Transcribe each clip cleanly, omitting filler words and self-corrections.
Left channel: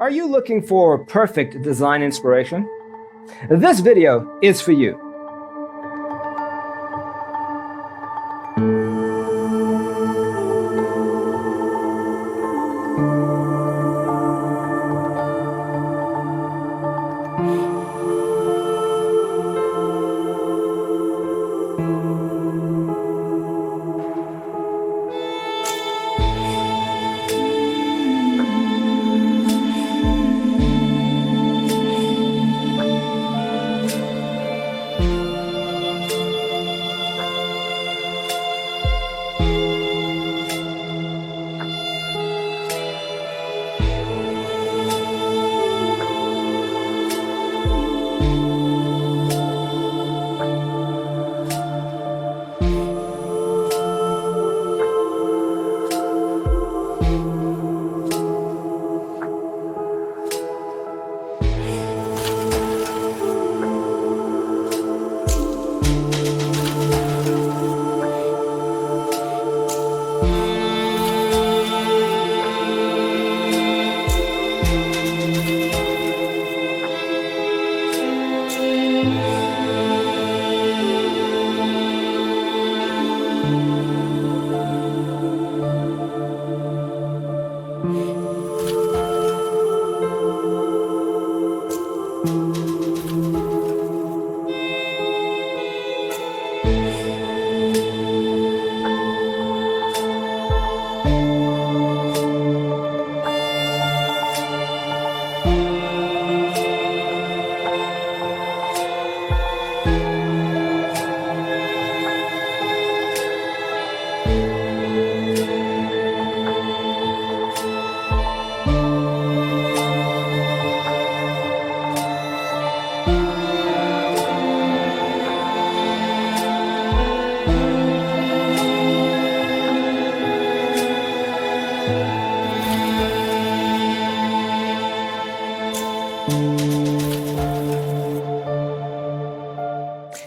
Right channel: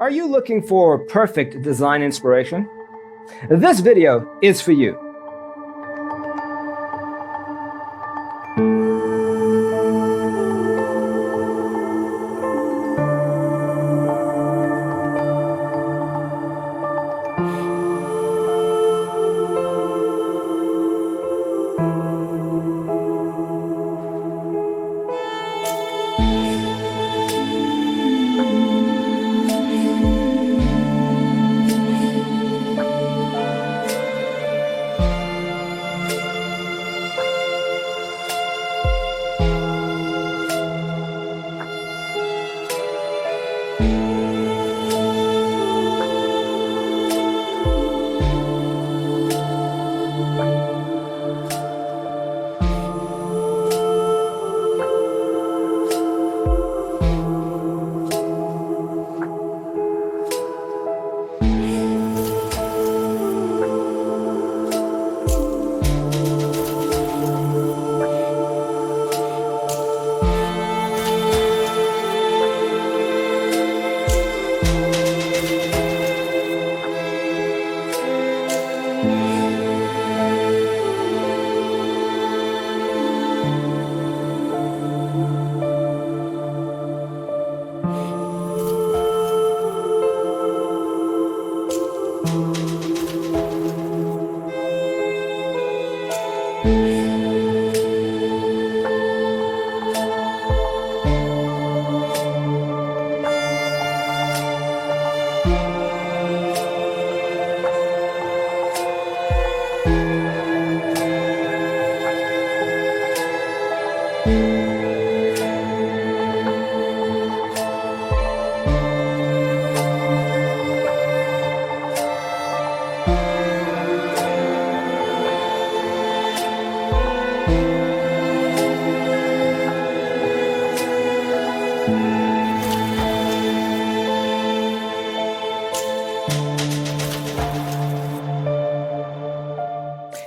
Are you looking for perfect design inspiration? This video is for you.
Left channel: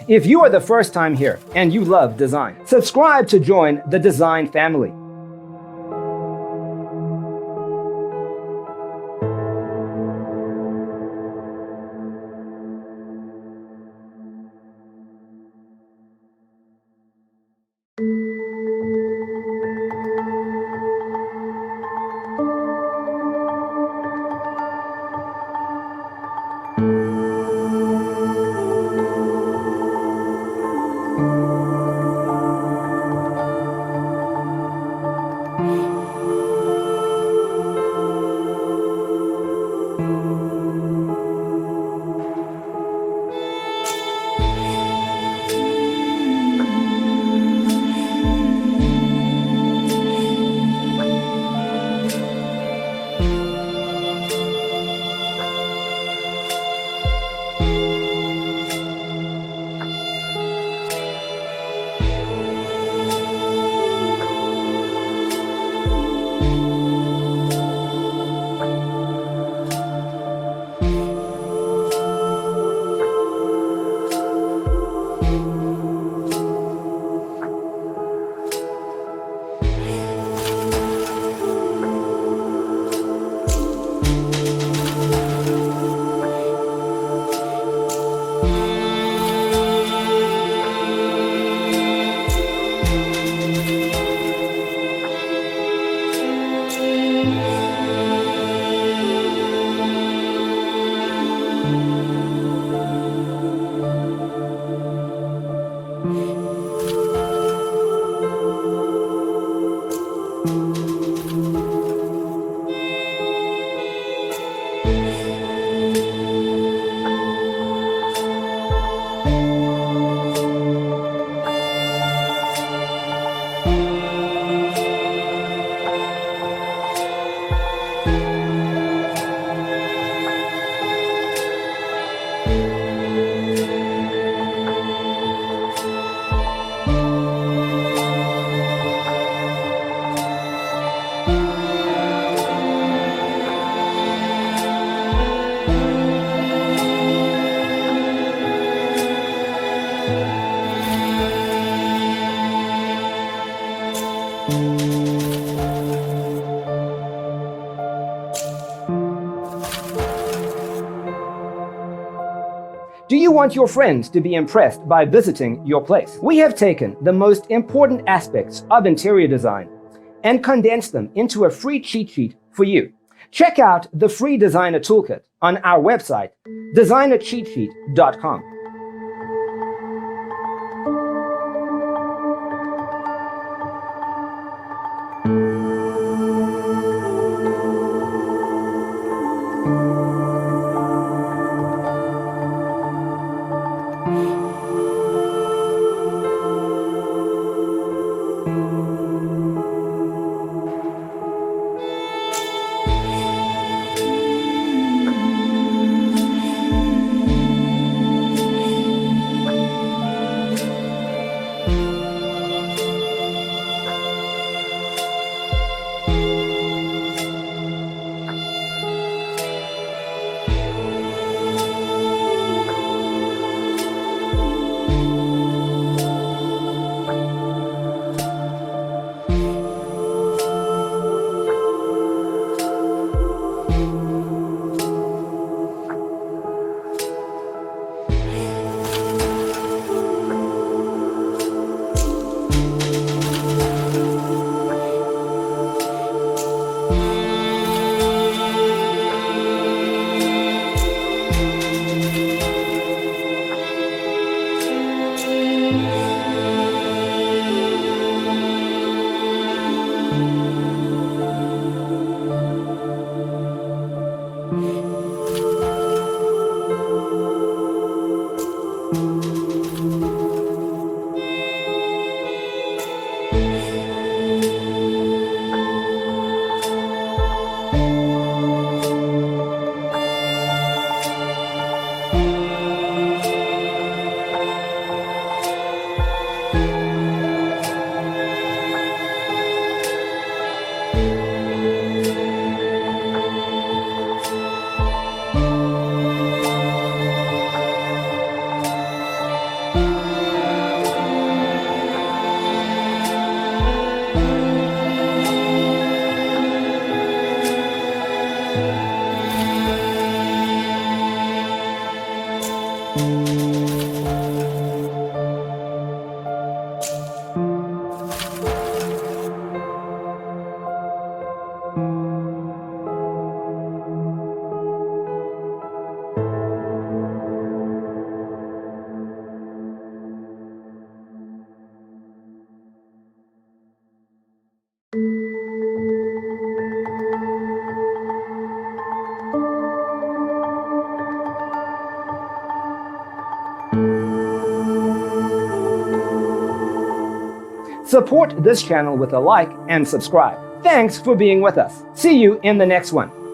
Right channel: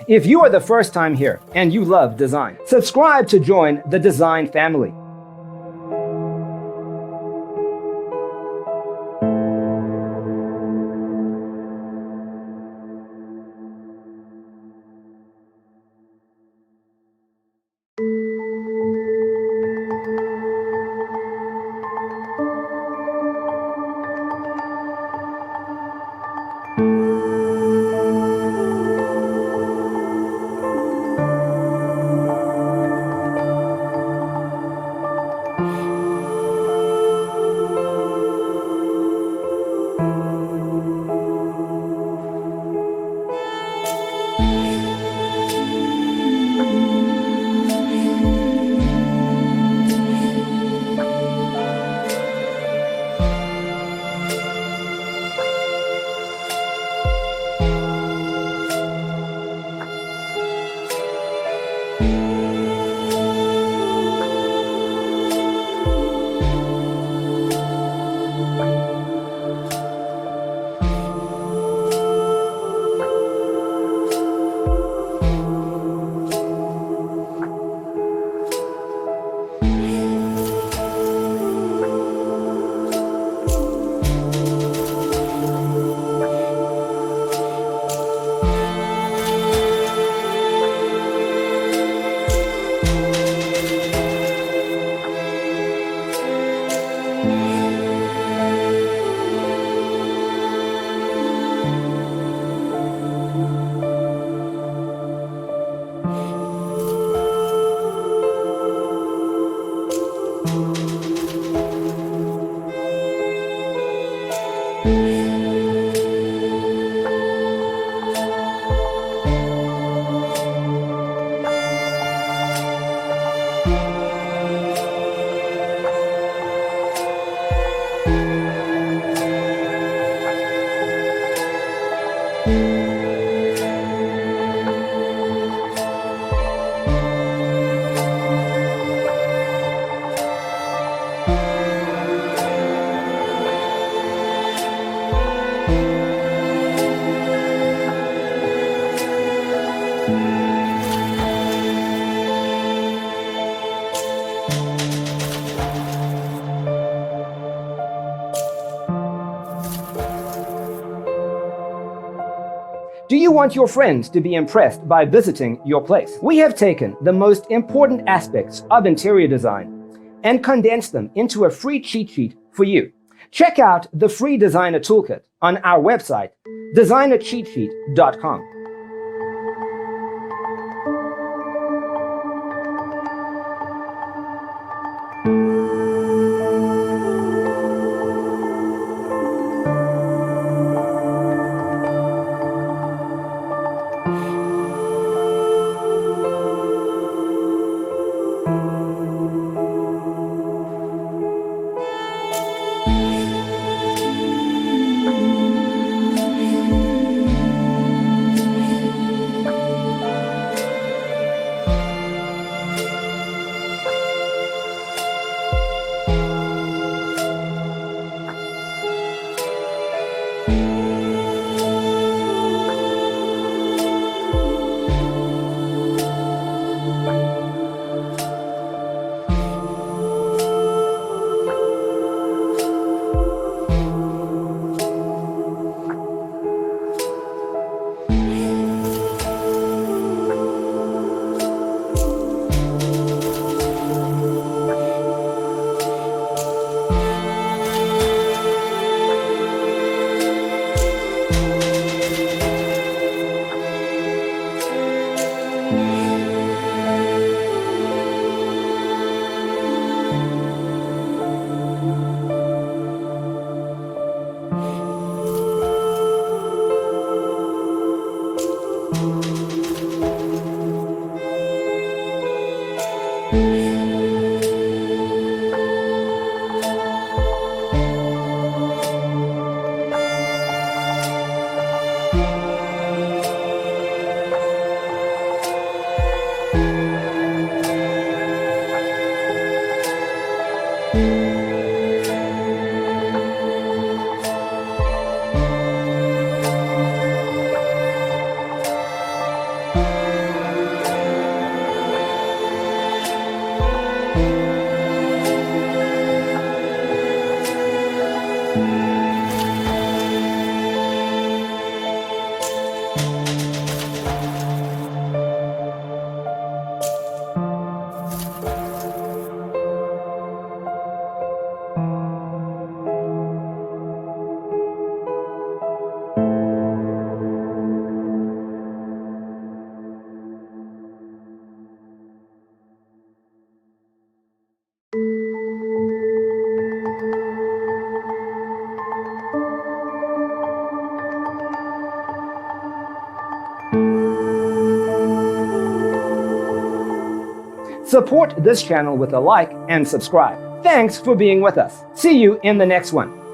If you are the first time here and you love design, subscribe to join the design family. Do you want your friends to be impressed by visiting your place? We have taken the most important aspects of interior design and condensed them into a free cheat sheet for you. Check out the free designer toolkit on our website, designercheatsheet.com. Support this channel with a like and subscribe. Thanks for being with us. See you in the next one.